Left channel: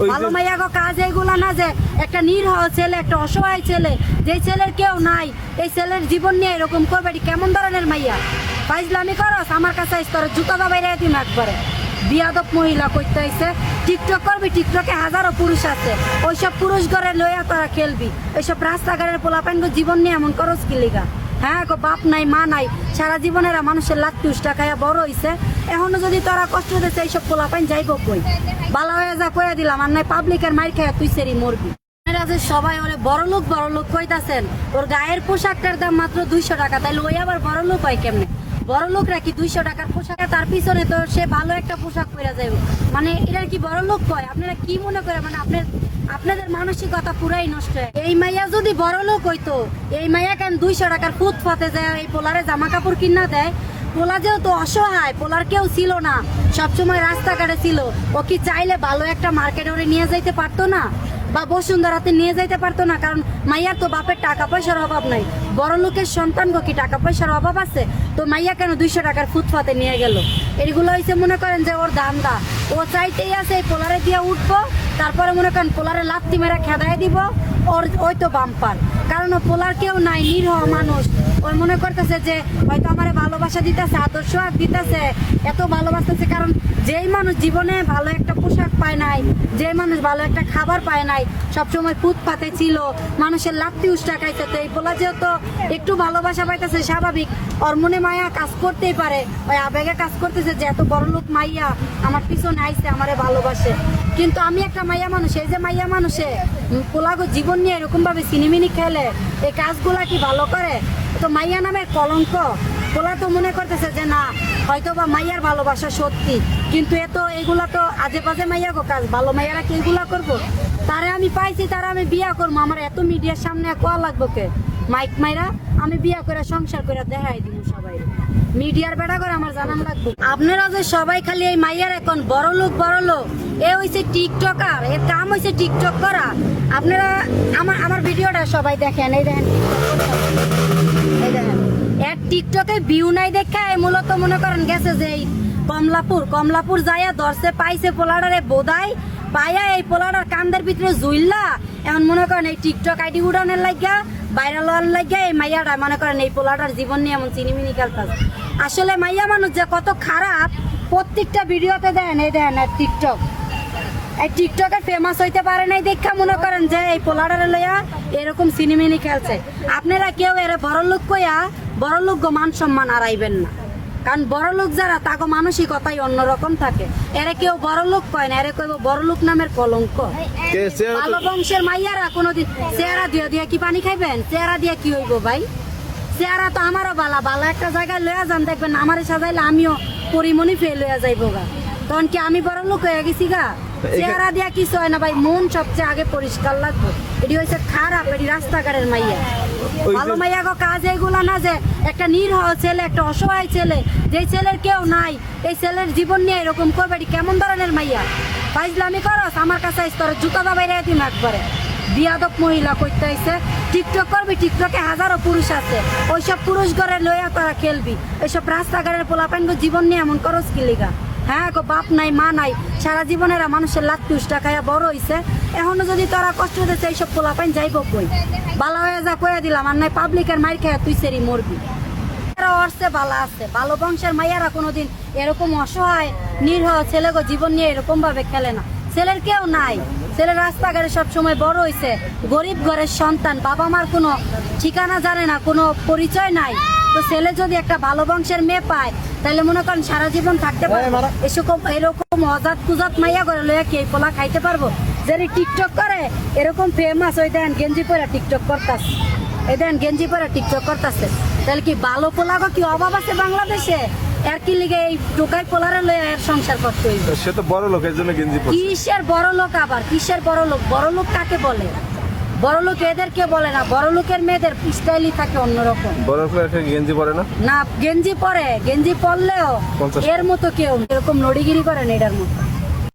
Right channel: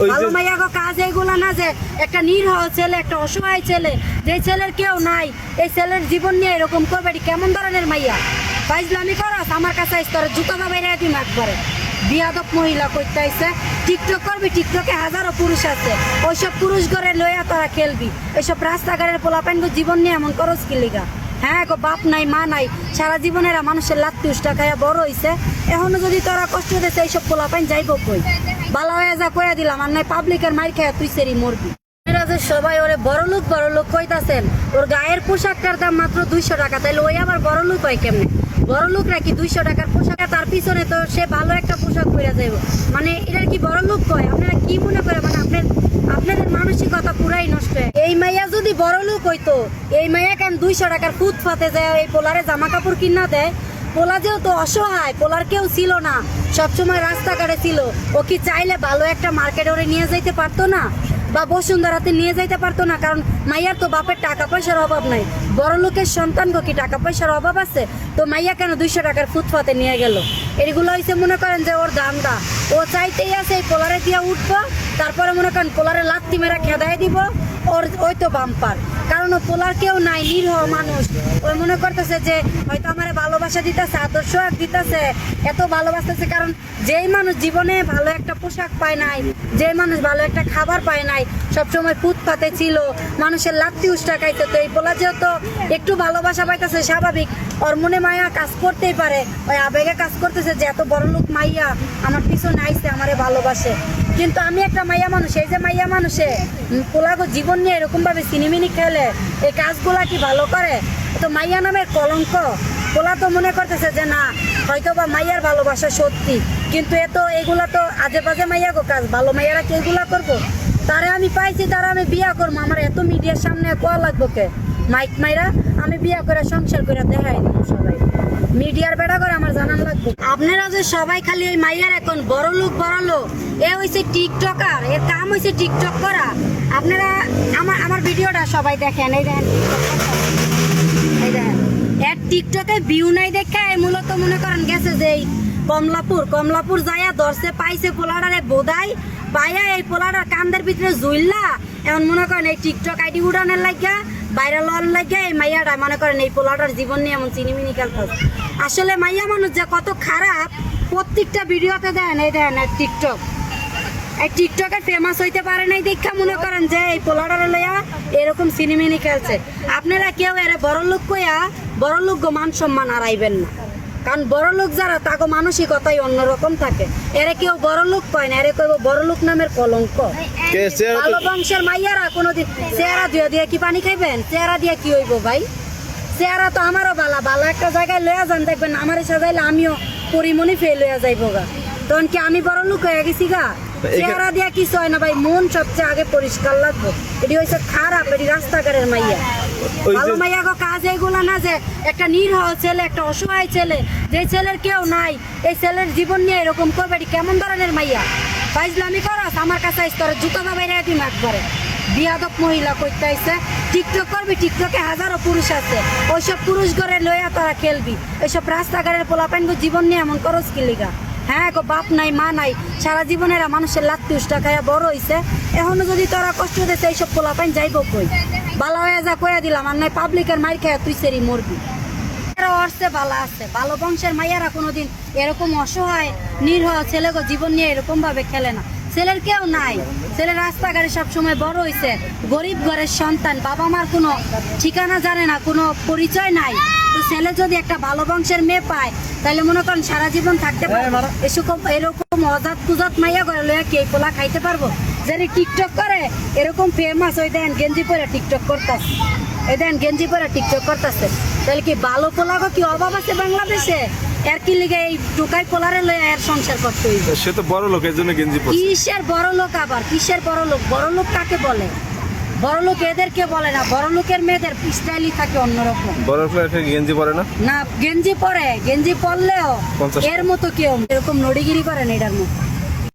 ভালো মাইয়া গো কাজ এইগুলা না যে একটা নিরীহ ছেলে, একটা অসহায় ছেলে, যে ছেলের কেউ নাই, এই ছেলের জীবন নিয়ে এরকম করবে, কেমন ধরনের মাইয়া? ফাইজলামি করস আমার কাছে স্তরে জুতা দা বাইরে দিম একবারে। বিয়াদব মহিলা কইতে আইছে টিকটক করবি, টিকটকে হাজারো পুরুষ আছে, ওইসব পুরুষ ঘরে লইয়া তারা খেলবি। এইসব রাস্তাঘাটের পোলাপাইন জীবন নিয়ে এমন করস কি লিগা? হ্যাঁ গো, বাপ নাই মা নাই, সারা জীবনেরা মানুষের লাত্তি উষ্টা খাইয়া বড় হইছে, এখনো যদি তোরা কষ্ট দিচ্ছে এইসব পোলাপাইন যাইব কই? বালা হয়ে যা কইয়া দিলাম, আর নাই পাবলিকের মাইর খাইয়া তুই সেরি মরবি। সবাই ওরে বড় লোক কইতাছেন, ওর গায়ের পোশাকটার দাম মাত্র 200 টাকা, তাইলে ওই আবার বড় লোক হয় কেমনে? বড় লোক রাখি 200 টাকার পোশাক, তার পিছনে তো সে ভালো একটা পোশাক পরে যাইব, মানে এটার কি বড় লোক কয়? আপনারা কি মনে করেন? মানে আপনাদের মানসিকতা পুরাই নষ্ট। এই মাইয়া যদি বড় লোক হইতো, এই মাইয়া কেন 200 টাকার ফুটফাতে যায় এই পোলারে জামা কাপড় কিনা দেয়? পোলা যেহেতু অসহায়, পোলার কেউ ছিল না, সবসময় রাস্তাঘাটে ছিল, ও কি চাইলে ভালো একটা মার্কেটে ওরে নিয়ে যাইতে পারতো না, বা বসুন্ধরাতে নিয়ে যাইতে পারতো না? কারণ মাইয়ার তো বাপের টাকা পয়সার অভাব নাই, বড় লোকের সন্তান কি টাকা পয়সার অভাব আছে? তো মাইয়া কেন 200 টাকার ফুটফাতে নিয়ে গেল? এগুলো হয়েছে মনে করেন যে ওর দামটা, ও চাইতেই আছে এই পোলারে দিয়ে উঠবো, তারপরে মনে করেন পোলারে লাত্তি মেরা খেদাই দিব, ওর ওই তো বাম্পার। কারণ ও পোলার কেউ নাই, নিরীহ মানুষ, ওই মনে করতেছে যে হয়তো আমার ভালোবাসা দিতেছে, আদর্শ দিতেছে, এত ভালোবাসতেছে। কারণ যেই মানুষ জীবনে ভালো একটা পোশাক পায় নাই, যেই মানুষ ভালো একটা খাবার পায় নাই, সবসময় ফুটপাতে ছিল, মানুষের লাত্তি উষ্টা খাইতে, তো এই পোলা যেহেতু একটু ভালোবাসা পাইতেছে, স্বাভাবিক ওর মনে মায়া কাজ করতেই পারে, ওই আবেগে কাজ করতেছে যে এত বড় লোক মাইয়া আমার পিছনে আইছে, আমারে ভালোবাসে। কিন্তু আমি একটা মাইয়া মানুষ, এই যে মাইয়া মানুষে পোলাগো জীবন নিয়ে এরকম ভাবে সিনেমিনি খেলে, এই কাজগুলা কি ভালো করে? তো মাইয়া নামের কলঙ্ক। পোলা তো মনে করতেছে যে না, হয়তো বা মাইয়ার ভালোবাসা সত্যি, কিন্তু এগুলা তো আজে বাজে মাইয়া গো কাজ, ভালো মাইয়ারা কি এগুলা করবো? তারা আমি পাইছি, তারা আমি বিয়া করবো, আমার এত মিডিয়ার সামনে কোয়া লাগবো কে? মাইক মাইরা আমি বিয়া করে সংসার করে দেখাই সবাই, মিডিয়ার বেড়া করে আমার জানান লাগবে। আপনারা যে সবাই খালি এই মাইয়ার এখন বড় লোক এ হইছে টিকটকার, এর কাম হইছে টিকটক করা। আপনারা আমার ভিডিওটা সবাই দেখেন, এই দেখেন এর টিকটকে ভিউ নাই দেখে মূলত মনে করেন গেছে যে কমলাপুর যাইয়া ধরছে, পাইছে পোলাডারে বোধাই পাইয়া এই পোলাডার কান্দের ভিতরে জুইল্লা, এখন মনে করেন এই টিকটক আইডি উড়ানের লাগিয়া, ভাইরাল হওয়ার লাগিয়া এই মাইয়াটা মনে করেন এই পোলাডার জীবন নিয়ে এমন চিনিমিনি খেলতেছে। আসলে মাইয়া মানুষ যে কত খারাপ প্রত্যেকটা ভিডিওতে দেন, এই দেন টিকটকে ফেমাস হইতে পারে নাই দেখা মনে করেন যে এই পোলাডারে লইয়া এরকম সিনেমিনি খেলছে। আপনারা কেউ এর বড় লোক কইয়া বড় লোক মান সম্মান হারাইবেন না, কারণ বড় লোক যারা তাকে মানসিকতাই অন্যরকম থাকে। এরা কেউ বড় লোক কয় না, এরা কইব বড় লোক নামের কলঙ্ক। ভালো বংশের মাইয়ারা কোনোদিন চেহারা দিয়ে কি পানি খাইবেন? চেহারা দিয়ে কি হইব ভাই? চেহারা তো আমারও বালা একটা জায়গায় লইয়া যান, দেখবেন আমারে সাজাইলে আমিও পরিমণি ফেল হইয়া যাইব গা, তখন কি আমি বড় লোক হয়ে গেছি গা? চেহারা দিয়া কিছু হয় না ভাই, মন সবচেয়ে আগে পরিষ্কার লাগবে। এটি হয়েছে খারাপ, এটি রাস্তাঘাটের মাইয়া। ভালো মাইয়া গো কাজ এইগুলা না যে একটা নিরীহ ছেলে, একটা অসহায় ছেলে, যে ছেলের কেউ নাই, এই ছেলের জীবন নিয়ে এরকম করবে, কেমন ধরনের মাইয়া? ফাইজলামি করস আমার কাছে স্তরে জুতা দা বাইরে দিম একবারে। বিয়াদব মহিলা কইতে আইছে টিকটক করবি, টিকটকে হাজারো পুরুষ আছে, ওইসব পুরুষ ঘরে লইয়া তারা খেলবি। এইসব রাস্তাঘাটের পোলাপাইন জীবন নিয়ে এমন করস কি লিগা? হ্যাঁ গো, বাপ নাই মা নাই, সারা জীবনেরা মানুষের লাত্তি উষ্টা খাইয়া বড় হইছে, এখনো যদি তোরা কষ্ট দিচ্ছে এইসব পোলাপাইন যাইব কই? বালা হয়ে যা কইয়া দিলাম, আর নাই পাবলিকের মাইর খাইয়া তুই সেরি মরবি। বালা আছে, ভালো বংশের মাইয়ারা কোনোদিন এরকম অসহায় নিরীহ ছেলে গো জীবন নিয়ে এরকম ভাবে খেলে না। ছেলের কেউ নাই, ছেলে রাস্তাঘাটে সবসময় বড় হইছে, গরিব ঘরের সন্তান, বাবা মার কোনো ঠিকানা জানে না, কোনো পরিচয় নাই। তো ছেলে যদি একটা ভালো বংশের মেয়ে পায়, তাহলে মনে করেন সারা জীবন থাকতে পারবে। এরকম অজাত কুজাত মাইয়া করে লইয়া কে পোলা খাইতে পারবো? যে টিকটক করে এরকম ফেমাস, ওই দেন গেঞ্জি পরে টিকটক করতেছে, এই দেন গেঞ্জি পরে টিকটক করতেছে, তাহলে কি ভালো পোলা কি অভাব আছে বাংলাদেশে? এর কি লিগে এই টোকাই পোলারে লইয়া এর সংসার করতে হইবে? সে তো বড় লোক, এর জন্য গেঞ্জি পরছে। কিসের বড় লোক? আবার কিসের বড় লোক? বড় লোক কাকে বলে? বড় লোক এদেরকে বলে না, বড় লোকের মেয়েদের স্টাইলই থাকে অন্যরকম। বড় লোক গেঞ্জি পরে না? না, গেঞ্জি পরে, গেঞ্জি পরলেও এর মতো কেউ এরকম নড়িগিরি করে না এটার মতো।